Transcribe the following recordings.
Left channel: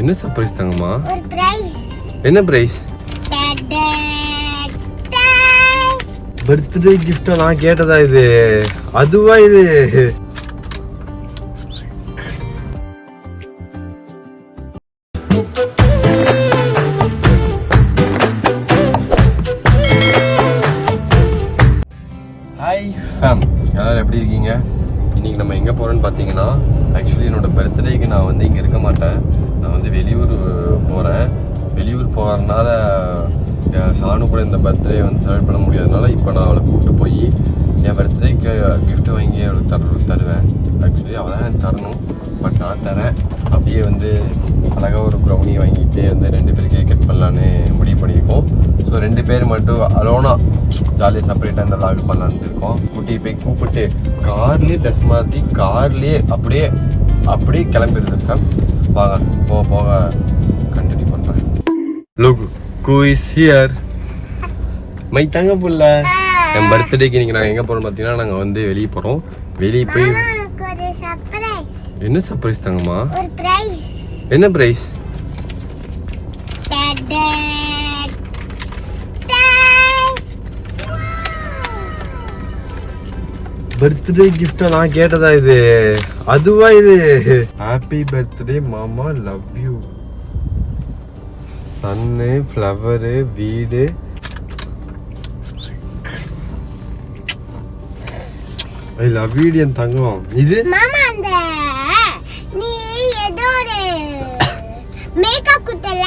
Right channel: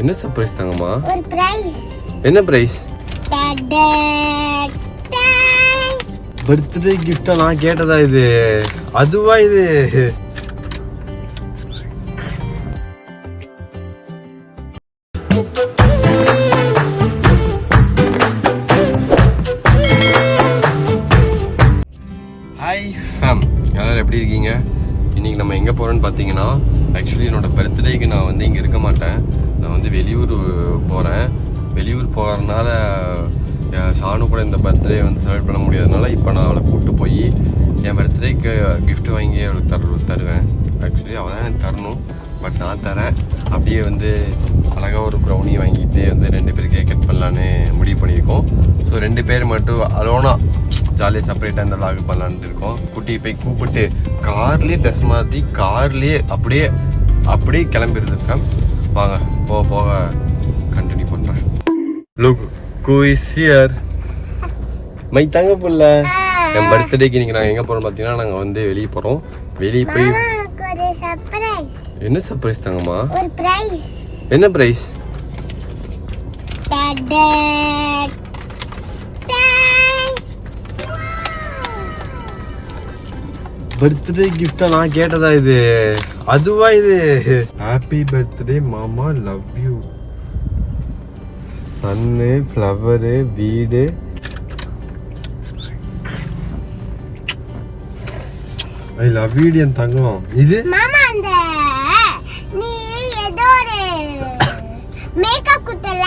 என்ன சர்ப்ரைஸ் தங்கம்மா? ஒரு பிரைஸ். என்ன பிரைஸ்? பர்த்டே கிஃப்டா நான் கேட்டதா இது? அதுவா இது? ஹாய் ஃபேம், எல்லாரும் எப்படி இருக்கீங்க? இன்றைக்கி நம்ம எங்கே போகிறோன்னு பார்த்தீங்கன்னா, ஆக்சுவலி என்னோடய பர்த்டேக்கு நான் வந்து இங்கே இருக்க மாட்டேன். நான் வந்து வெளியூர் போகிறேன். வெளியூர் போகிறதுனால சாணு கூட இந்த பர்த்டே வந்து செலிப்ரேட் பண்ண முடியாதனால இப்போ நான் அவளை கூப்பிட்டு போய் என் பர்த்டேக்கு கிஃப்ட் வாங்கி அவளுக்கு தருவேன். ஆக்சுவலி அவள் தான் எனக்கு தரணும், பட் நான் தரேன். அப்படியே வந்து அழகாக ஒரு ப்ரௌனி வாங்கிட்டு வந்து 2 பேர் கேக் கட் பண்ணலான்னு முடிவு பண்ணியிருக்கோம். ஸோ 2 பேர் மட்டும் அலோனாக ஜாலியாக செப்பரேட்டாக இந்த விளாக் பண்ணலான்ட்டு இருக்கோம். குட்டியை போய் கூப்பிட்டு கார்லேயே ட்ரெஸ் மாற்றி கார்லேயே அப்படியே கிளம்பிடுது ஃபேம். வாங்க போக போக கண்டினியூ பண்ணுறேன். Look who is here? My தங்க புள்ள. என் பர்த்டேக்கு நீங்கள் நாங்கள் எங்கே போகிறோம் பார்த்தீங்கன்னா, நாங்கள் வந்து வெளியே போகிறோம். வெளியே போய் என்ன சர்ப்ரைஸ் தங்கம்மா? ஒரு பிரைஸ். என்ன பிரைஸ்? பர்த்டே கிஃப்டா நான் கேட்டதா இது? அதுவா இது? ஹாப்பி பர்த்டே மாமா, லவ் யூ. சன்னு, ஃப்ளவரு, வீடு. ஐ லவ் யூ என் தங்கம். இது மாமா அந்த நீ ஏதோ ஒரு மேக்கப் குத்தல,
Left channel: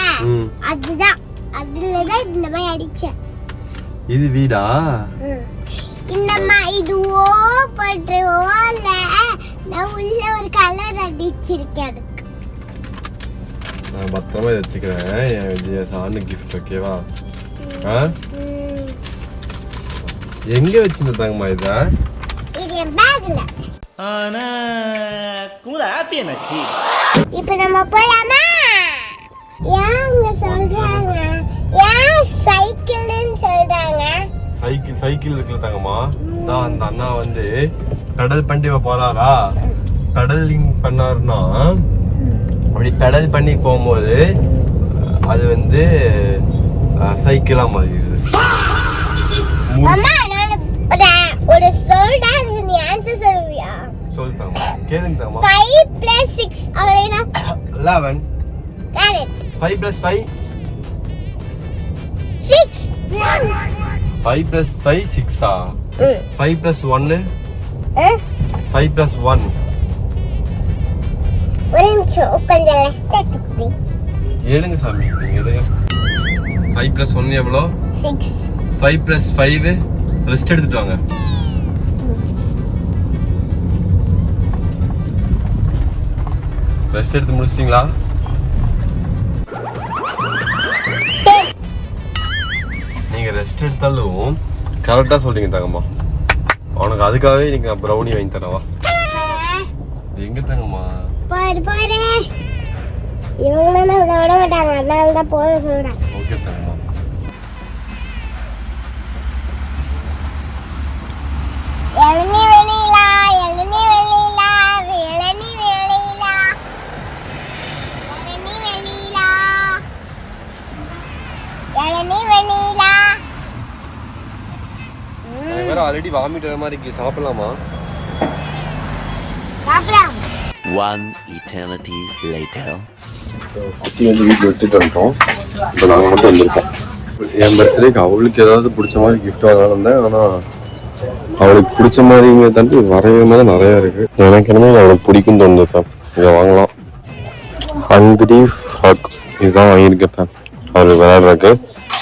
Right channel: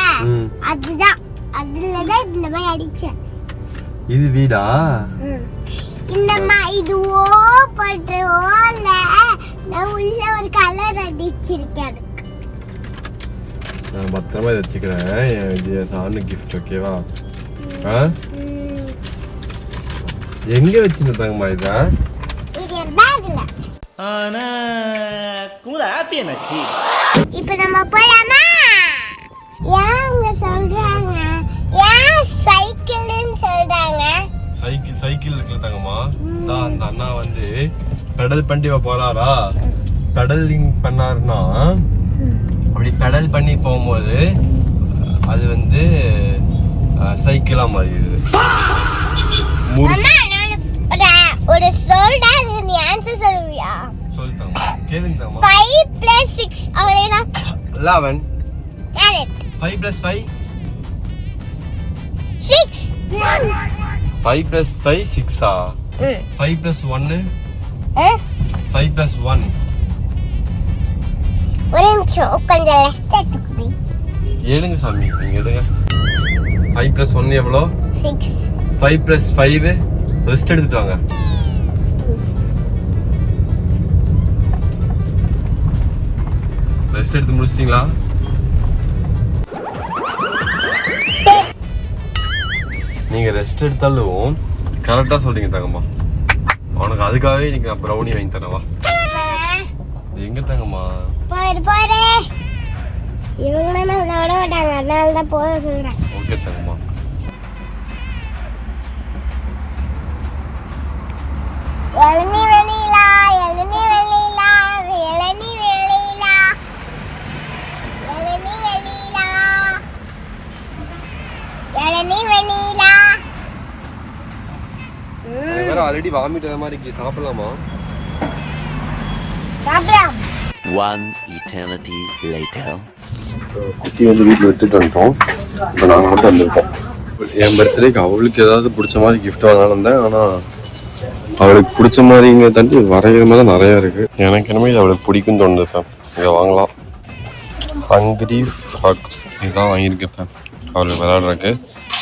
அதுதான். அதுலதான் இந்த மாதிரி அடிச்சேன். இது வீடா? இந்த இதுவோ பண்றோல, நான் உள்ள ஒரு கலர் அடிச்சிருக்கேன். அதுக்கு நான் பத்திரமா இதை வச்சுக்கிறேன். இது சாணு கிஃப்ட். ஓகேவா? எங்க வச்சிருந்த தங்கம்மா இதா? இப்ப நம்ம போலாமா? யாங்க சொல்றாங்க? ஏன் சைக்கிள்னு சொல்றாங்க? சைக்கிள் இருக்குல்ல தங்கம்மா, தான் அந்த அண்ணா வந்து கடல் பண்ணி போறாரா. கடலிங் பண்ணாருன்னா அப்படி கடல் பண்ணி போகும்போது அது வந்து சைக்கிளா மாறிடுது. ஒரு சொல்டா, நீ ஆன்சர் சொல்லுவியா? சொல்லுங்க கேளுங்க. 5 + 6 அவ்வளவுனா 11. கரெக்ட். 5 + 5 6. 5 + 5 6 5 + 1 5 + 1. ஒரு நிமிஷம் கொஞ்சம் ரெஸ்ட் எடுத்துக்கோ. ஏழுங்க சாமி, நீங்க எடுங்க. 5 + 1 எவ்வளோ? 6. 5 + 5 ரெஸ்ட் எடுத்துட்டு வாங்க. ரெஸ்ட் எடுத்து முடிச்சிட்டீங்களா? நீங்க ரெஸ்ட் எடுத்தாலும் கரெக்டா சொல்றீங்க தங்கம்மா. உனக்கு அதுக்காகவே நீங்க ப்ரௌனி வாங்கி தரவா? எங்க தங்கம்மா? பாரு இவங்க நான் விட மாட்டாங்க, அதனால தான் போக சொல்றேன். ஓகே தங்கம்மா. இளநீ வெளியிலா, இளநீ வெளியிலா, இளநீ வெளியிலா, இளநீ வெளியிலா, இளநீ வெளியிலா. வேற ஆல்ரெடி வாமிட் வர மாதிரி இருக்கு. சாப்பிடலாமா? சாப்பிடலாம். One eternity later. குட்டி வந்து வீட்டில் விட்டுட்டு வந்துட்டோம். இப்போ நாங்கள் மட்டும் வந்திருக்கோம். என் பர்த்டேக்கு அவளுக்கு ஏதாவது பிடிச்ச மாதிரி கிஃப்ட் வாங்கலாம் வந்தேன். ஆனால் அவளுக்கு பிடிச்ச மாதிரிங்க தாண்டி வரைகிற மாதிரி நிறையா இருக்குது. எனக்கு என்னமே அவளுக்கு பிடிக்குன்னு தோணுது ஃபேம். இதை வாங்கலாம். ஹண்ட்ரி ஃப்ராக் இதுதான் வாங்கியிருக்கேன் ஃபேம். அவளுக்கு விளையாடுறதுக்கு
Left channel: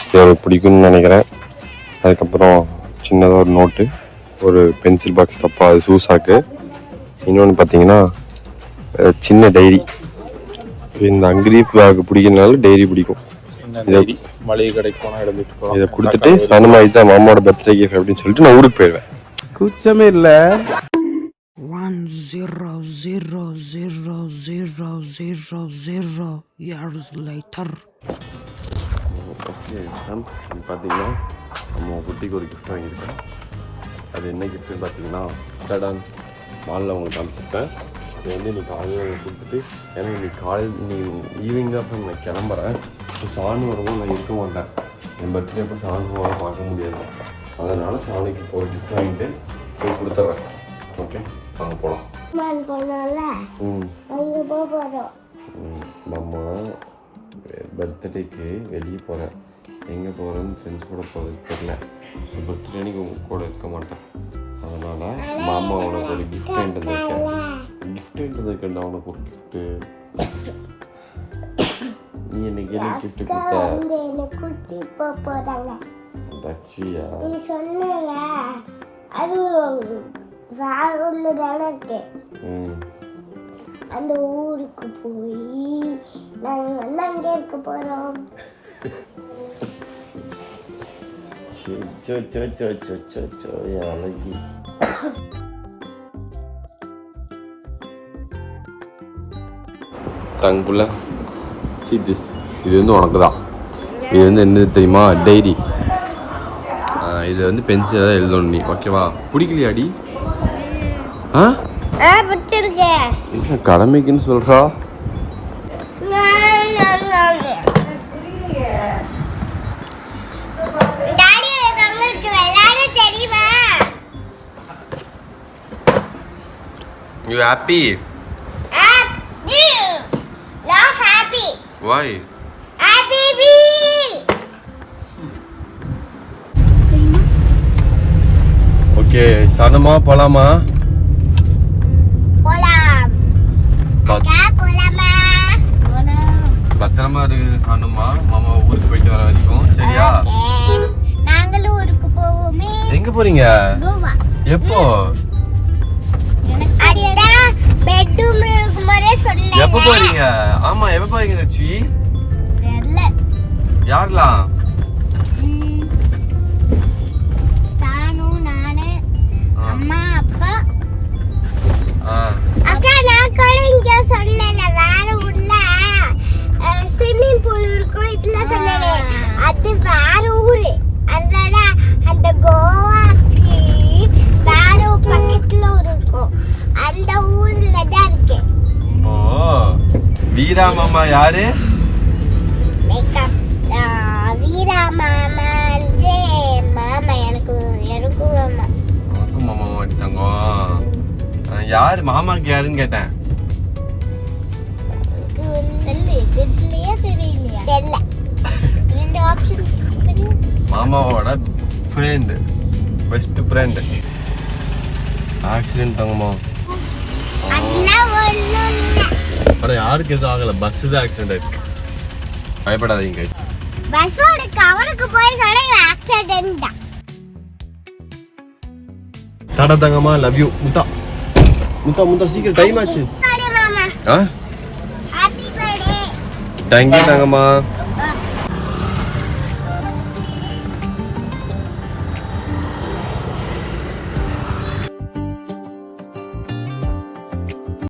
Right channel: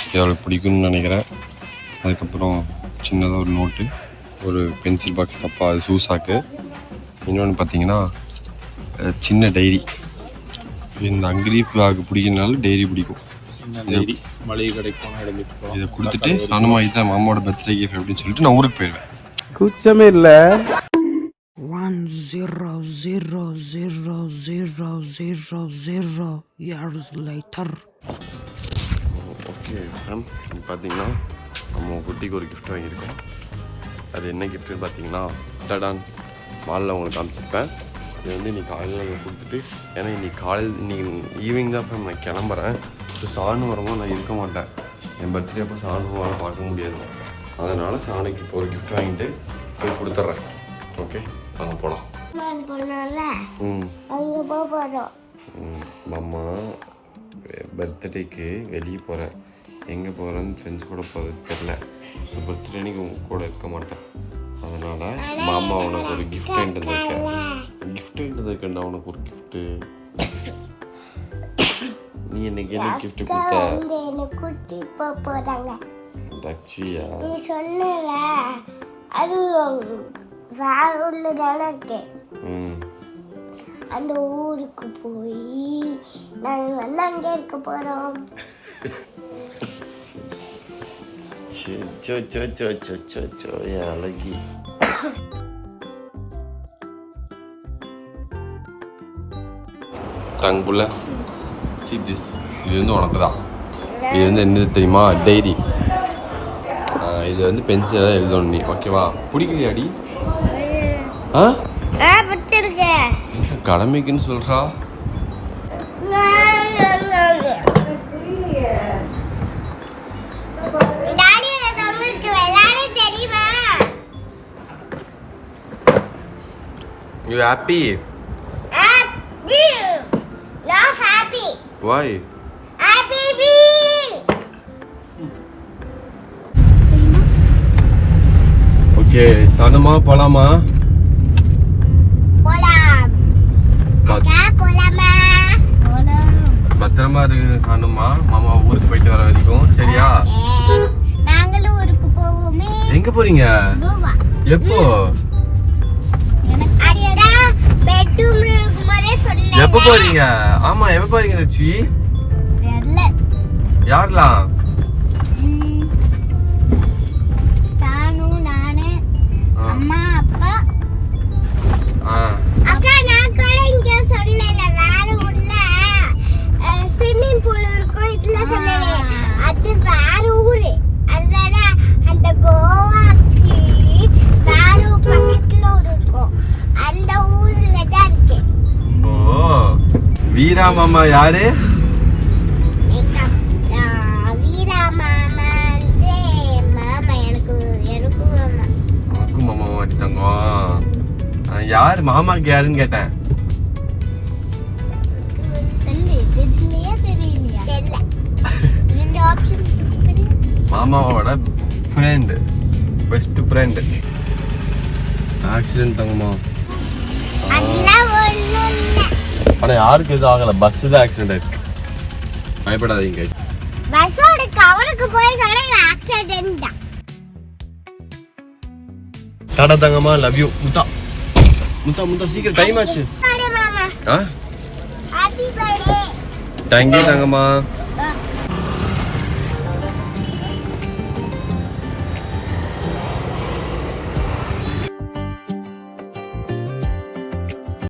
இது அவளுக்கு பிடிக்கும்னு நினைக்கிறேன். அதுக்கப்புறம் சின்னதாக ஒரு நோட்டு, ஒரு பென்சில் பாக்ஸ் டப்பா, அது ஷூஸாக்கு. இன்னொன்று பார்த்தீங்கன்னா சின்ன டைரி. இந்த அங்கிரி ஃப்ளாக் பிடிக்கிறதுனால டைரி பிடிக்கும். மளிகை கடைக்கு போனால் எடுத்துட்டு போகலாம். இதை கொடுத்துட்டு சனமா இதுதான் மாமாவோட பர்த்டே கிஃப்ட் அப்படின்னு சொல்லிட்டு நான் ஊருக்கு போயிடுவேன். கூச்சமே இல்லை. 1 0 0 0 0 0 0 years later. ஓகே மேம், பார்த்தீங்கன்னா நம்ம குட்டிக்கு ஒரு கிஃப்ட் வாங்கியிருக்கேன். அது என்ன கிஃப்ட்டுன்னு பார்த்தீங்கன்னா டடான் மாலில் உங்களுக்கு காமிச்சிருப்பேன். இது வந்து இன்னைக்கு காலையில் கொடுத்துட்டு ஏன்னா இன்னைக்கு காலையில் இன்னைக்கு ஈவினிங் தான் அப்புறம் நான் கிளம்புறேன். ஸோ சாணு வரும்போது நான் இருக்க மாட்டேன். என் பர்த்டே அப்போ சாணு பார்க்க முடியாது. அதனால் சாணுக்கு இப்போ ஒரு கிஃப்ட் வாங்கிட்டு போய் கொடுத்துட்றேன். ஓகே வாங்க போகலாம். போனால அங்கே போகிறோம். மாமா பர்த்டேக்கு வெளியே போகிறேன். எங்கே போகிறேன்னு ஃப்ரெண்ட்ஸ் கூட போகிறது தெரில. ஸோ பர்த்டே அன்றைக்கி உங்க கூட இருக்க மாட்டேன். அதனால் மாமா உனக்கு ஒரு கிஃப்ட் வாங்கிட்டு வந்திருக்கேன். கிஃப்ட் வாங்கிட்டு வந்திருக்கேன்டா உனக்கு ஒரு கிஃப்ட்டு. நீ என்னைக்கு என்ன கிஃப்ட் கொடுத்த? என்ன கூட்டி போகிறாங்க. தச்சியா? நீ சொன்னல அது வேற ஊர்ல தானே இருக்கு. அந்த ஊருக்கு போய் நாங்கள் வந்து அங்கே இருக்க போகிறோம். அழகி தங்குள்ள this இது வந்து உனக்கு தான். இது வந்து என்ன தெரியுமா? டைரி. இது வந்து பென்சில் எழுதணும் நீ. ஓகேவா? பிடிக்கலையாடி? பிடிச்சிருக்கு. இப்போ கடமைக்குன்னு சொல்கிறா. You happy? Not happy. Why? Happy. Okay, சாதமா போலாமா? போலாம். போலாமா? பத்திரமா இருக்கு சாதமா. மாமா ஊருக்கு போயிட்டு வர வரைக்கும் சரியா? நாங்களும் ஊருக்கு போவோமே. எங்க போறீங்க? கோவா. எப்போ? பெட்ரூம் இருக்கும்போதே சொன்னேன். எப்போ போறீங்க? ஆமா எப்போ போறீங்க தச்சி? தெரியல. யாரெல்லாம்? சானு, நானு, அம்மா, அப்பா. அக்கா நான் கூட இங்க சொன்னேன் வேற ஊர்ல ஸ்விம்மிங் பூல் இருக்கும் இதுல சொன்னேன். அது வேற ஊரு. அதனால அந்த கோவாக்கு வேற பக்கத்துல ஊர் இருக்கும். அந்த ஊர்ல தான் இருக்கு. ஓ வீரா மாமா யாரு? மேக்கப் வீரா மாமா வந்து மாமா எனக்கும் மாமா. உனக்கும் மாமா மாட்டிட்டாங்க. யாரு மாமாக்கு யாருன்னு கேட்டேன். தெரியலையா தெரியல. ரெண்டு ஆப்ஷன். மாமாவோட ஃப்ரெண்ட், பெஸ்ட் ஃப்ரெண்ட். ஆக்சிடென்ட் தாங்கம்மா. அதெல்லாம் ஒண்ணும் இல்ல. ஆனா யாருக்கு எதுவும் ஆகல. பஸ் தான் ஆக்சிடென்ட் ஆயிருக்கு. பயப்படாதீங்க. பஸ்ஸோட கவருக்கு போய் சொல்ல ஆக்சிடென்ட் தான். டாடா தங்கம்மா. Love you. முத்தா முத்தா சீக்கிரம் டைம் ஆச்சு. மாமா ஆ ஹாப்பி பர்த்டே. தேங்க்யூ தங்கம்மா.